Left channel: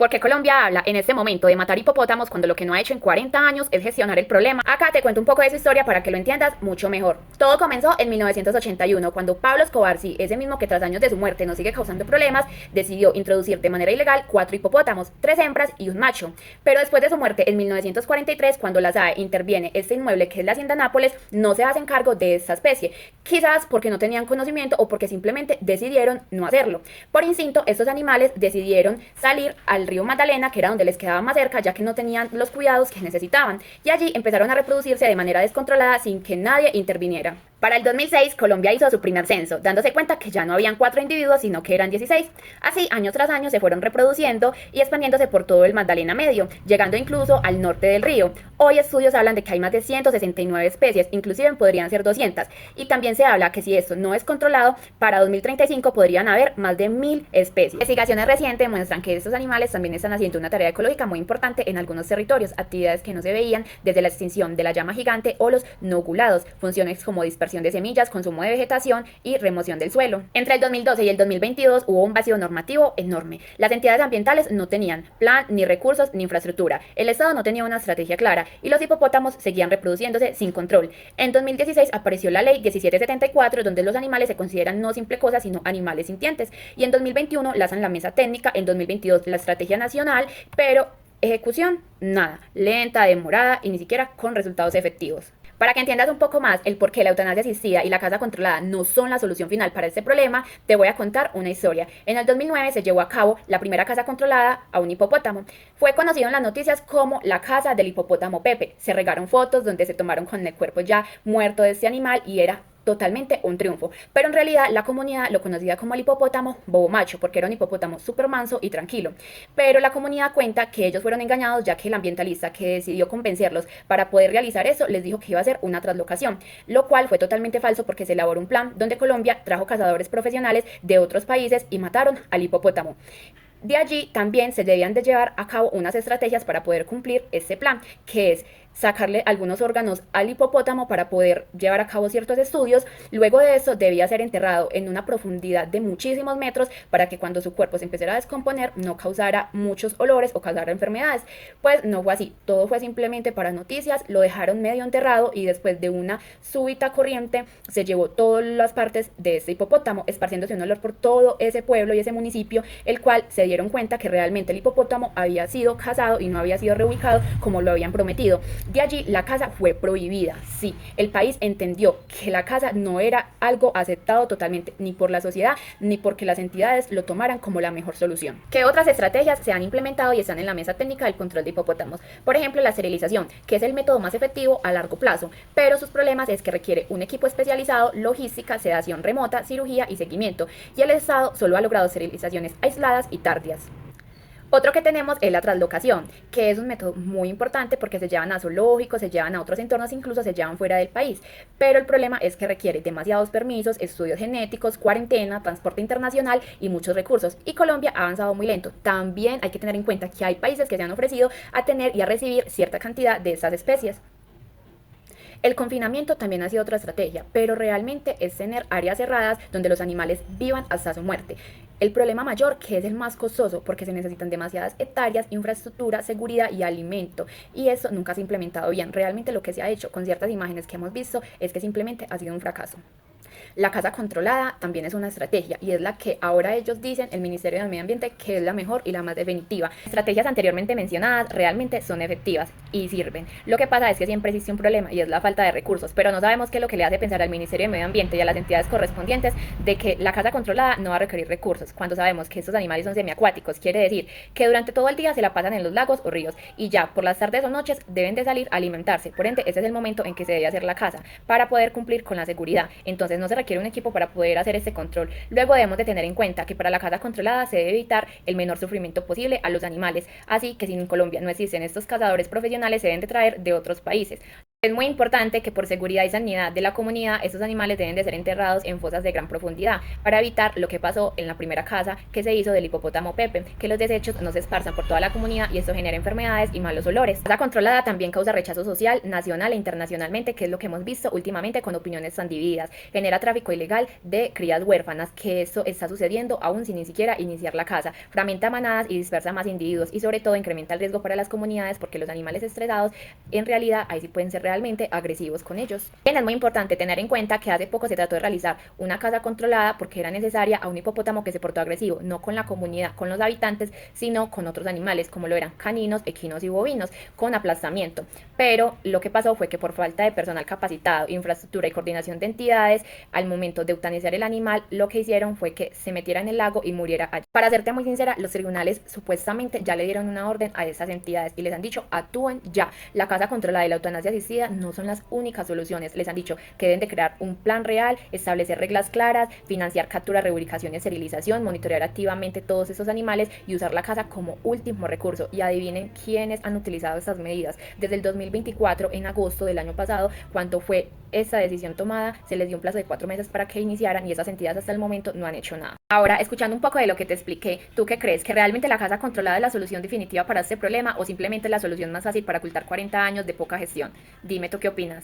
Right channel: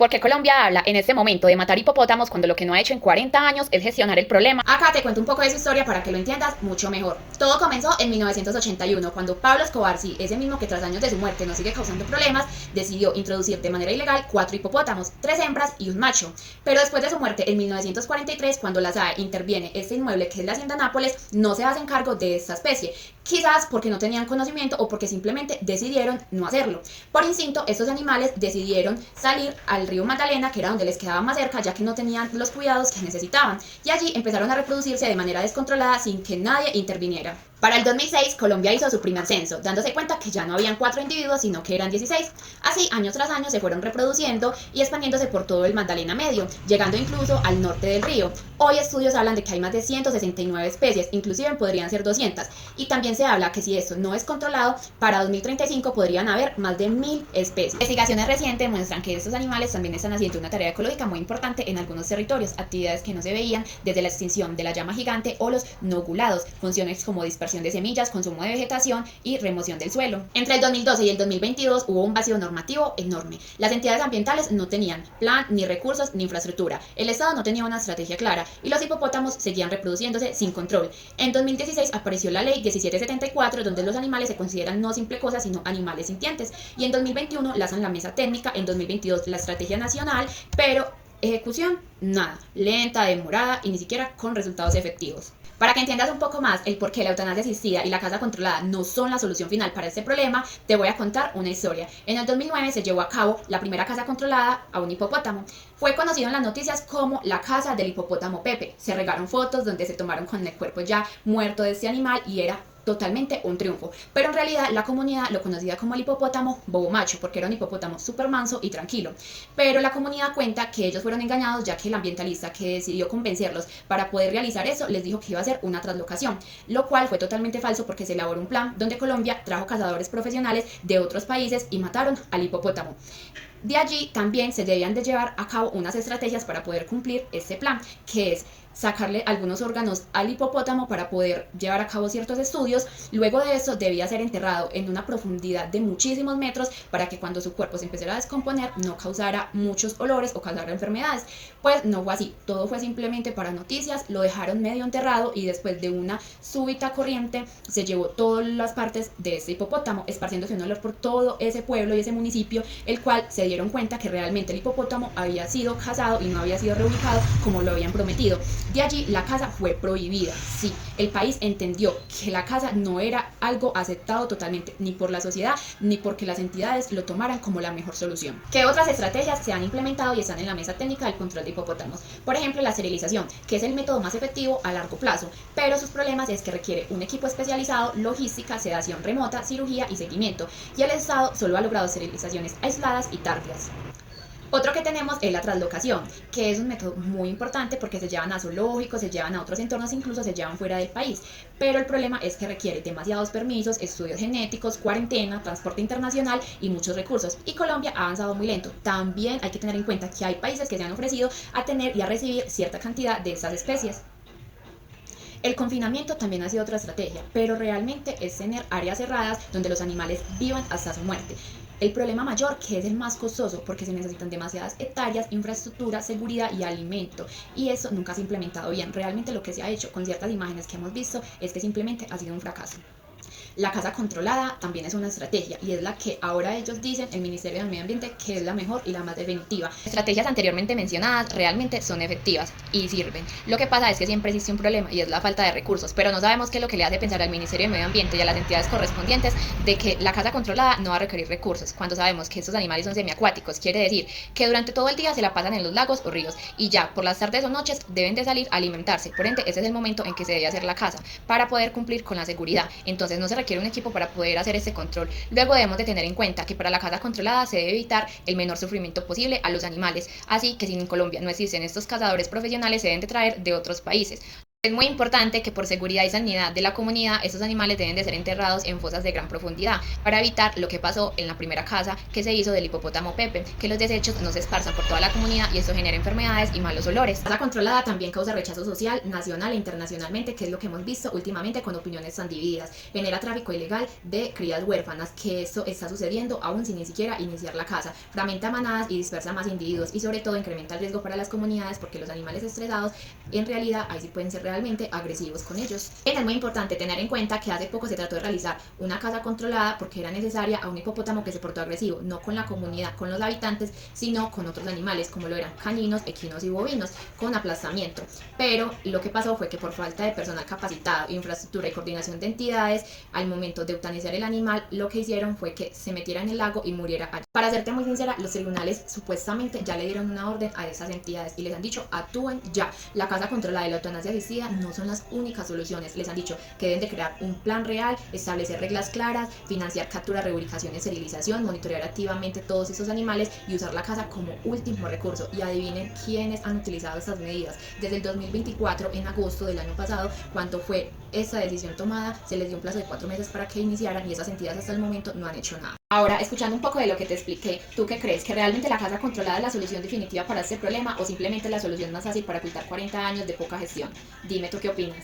Porque Colombia habla en este momento de matar hipopótamos cuando lo que no ha hecho en 40 años es gestionar el problema. Acá te cuento un poco de su historia para que lo entiendas mucho mejor. Todo comenzó en 1981, cuando Pablo Escobar, sí, ese mismo que tras años de su muerte nos sigue causando problemas, decidió introducir de manera ilegal 4 hipopótamos, 3 hembras y un macho. Pero después de su muerte en 1943, cuando la SAE interviene este inmueble que es la Hacienda Nápoles, no se hacen cargo de esta especie. Quizás porque no tenían conocimiento o porque simplemente decidieron no hacerlo. Por instinto, estos animales decidieron salir al río Magdalena, que era donde les quedaba más cerca, ya que no tenían los cuidados que necesitaban, y allí empezaron a reproducirse de manera descontrolada sin que nadie interviniera. Para el 2006, Colombia hizo su primer censo, dándose cuenta que ya no habían 4 individuos, sino que eran 16. Así, año tras año, se fueron reproduciendo y expandiéndose por todo el Magdalena Medio, llegando incluso al norte del río. Hoy estudios hablan de que hay más de 169 especies, inclusive podrían ser 200. Y también se habla que si esto no es controlado, para 2035 podrían haber más de 1000 especies. Investigaciones recientes muestran que estos animales también están haciendo una tarea ecológica muy importante en algunos territorios, actividades que no se veían desde la extinción de la llama gigante o los noculados, funciones como dispersión de semillas, consumo de vegetación y remoción del suelo. Entre el 2012 y el 2022 hubo un vacío normativo enorme. Las entidades ambientales no tenían plan, ni recursos, ni infraestructura. El Estado no tenía una estrategia clara y los hipopótamos seguían reproduciéndose sin control. En 2016 apareció la ley 1774, donde los animales se consideran no simple cosas, sino animales sintientes. Y en 2021 lanzan la mesa técnica, en 2022 la estrategia nacional, pero ejecución, nada. Lenta, demorada y ni siquiera con resultados efectivos. Para que entiendas un poco más el por qué la eutanasia asistida y la caza controlada no son la solución final para este problema, te voy a contar una historia. En el 2009 se llevó a cabo la primera caza controlada a un hipopótamo. Fue conocido en las noticias como la caza del hipopótamo Pepe. Se regaron fotos donde se tomaron con el cuerpo ya muerto de este animal y era totalmente un triunfo, pero en realidad la comunidad lo conocía como el hipopótamo bobo macho, porque era un hipopótamo súper manso y tranquilo, pero la comunidad cuenta que ellos fueron engañados, ya que el ambientalista que decidió convencerlos para poder realizar eso les dijo que iba a ser una traslocación, lo cual fue totalmente falso porque se elaboró un plan donde Colombia trajo cazadores profesionales de otros países y mataron al hipopótamo. De allí también se debían de llevar a cabo unas estrategias para poder cumplir este plan, que es sacarle algunos órganos al hipopótamo para poder llevar a cabo ciertos estudios. Luego de eso debía ser enterrado en una profundidad de muchísimos metros para que cuando su cuerpo se empezara a descomponer no causara muchos olores o causara enfermedades. Pues no fue así, todo fue simplemente para noticias, lo dejaron medio enterrado y después de una súbita corriente se llevó todas las partes de este hipopótamo, esparciéndose un olor por todo ese pueblo y ese municipio, el cual se dieron cuenta que realmente el hipopótamo había sido cazado y no había sido reubicado como lo habían prometido. De allí la caza fue prohibida. Sí, el país entendió que la caza no era algo aceptado totalmente, ni por la sociedad, ni porque las entidades lo tomaran como la mejor solución. ¿Qué otras estrategias se han implementado y están en la mesa técnica del control de hipopótamos? Por ejemplo, la esterilización, que es el método más efectivo a largo plazo, pero sus problemas es que requiere un equipo especializado, logística, sedación remota, cirugía y seguimiento, y el Estado solo ha logrado esterilizaciones aisladas y tardías. Otro que tenemos es la translocación, que es un método muy importante porque se llevan a zoológicos, se llevan a otros entornos, incluso se llevan fuera del país. Pero el problema es que requiere demasiados permisos, estudios genéticos, cuarentena, transporte internacional y muchos recursos. Y Colombia ha avanzado muy lento. También hay que tener en cuenta que hay países que se han ofrecido a tener y a recibir cierta cantidad de estas especies. El confinamiento también ha sido otra estrategia, pero realmente es tener áreas cerradas donde los animales vivan hasta su muerte. El problema mayor, que es el más costoso, porque se necesitan demasiadas hectáreas, infraestructura, seguridad y alimento. Y eso nunca se ha implementado bien. Realmente lo que se ha hecho con ciertas imágenes que hemos visto es que simplemente ha sido un fracaso. La caza controlada también es una estrategia y es la que ahora ellos dicen, el Ministerio del Medio Ambiente, que es la mejor y la más definitiva. Estrategias anteriormente mencionadas realmente son efectivas y sirven. Lo que pasa es que siempre existe un problema y es la falta de recursos, pero no sabemos qué es lo que le hace pensar al Ministerio del Medio Ambiente y a las entidades correspondientes de que la caza controlada no va a requerir recursos, cuando sabemos que estos animales son semiacuáticos, quiere decir que durante todo el día se la pasan en los lagos o ríos y ya por las tardes o noches deben de salir a alimentarse. Por ende, ese es el momento en que se debe hacer la caza para poder cumplir con la seguridad. Entonces no se requiere un equipo para poder hacer este control. Luego debemos de tener en cuenta que para la caza controlada se debe evitar el menor sufrimiento posible a los animales, así que si en Colombia no existen estos cazadores profesionales se deben de traer de otros países. Es muy importante que por seguridad y sanidad de la comunidad, estos animales deben de ser enterrados en fosas de gran profundidad para evitar lo que pasó en la primera casa que se hizo del hipopótamo Pepe, que los desechos no se esparzan por toda la comunidad y esto genera enfermedades y malos olores. La casa controlada también causa rechazo social, nacional e internacionalmente, que es lo que hemos visto últimamente con opiniones tan divididas. Genera tráfico ilegal de crías huérfanas, que esto está sucediendo aún sin ni siquiera iniciar la caza. Fragmenta manadas y dispersa más individuos y sobre todo incrementa el riesgo para las comunidades porque los animales estresados en realidad ahí sí pueden ser realmente agresivos con ellos. Bien, es muy importante tener en cuenta que hace poco se trató de realizar una caza controlada porque era necesaria a un hipopótamo que se portó agresivo, no con la comunidad, con los habitantes, sino con otros animales como lo eran caninos, equinos y bovinos, con aplastamiento. Pero lo que pasó fue que por falta de personal capacitado, infraestructura y coordinación de entidades, al momento de eutanasiar el animal, lo que hicieron fue que se metiera en el lago y muriera allí. Para serte muy sincera, los tribunales supuestamente ya le dieron una orden a esas entidades y les han dicho actúen ya. La caza controlada y la eutanasia asistida no son las únicas soluciones. Les han dicho que deben de crear un plan real, establecer reglas claras, financiar captura, reubicación y esterilización, monitorear activamente todos esos animales y usar la caza como último recurso. Y adivinen quiénes han utilizado estas medidas. Desde el 2024, en agosto del año pasado, cuando fue esta decisión tomada, se les dio un plazo de 4 meses para que iniciaran y esas entidades hasta el momento no han hecho nada. Ahora, escuchando un poco de lo que te expliqué, ¿tú qué crees? ¿Que realmente la caza controlada es la solución definitiva para este problema o simplemente la solución más fácil para ocultar 40 años de poca gestión? Dime tú qué opinas.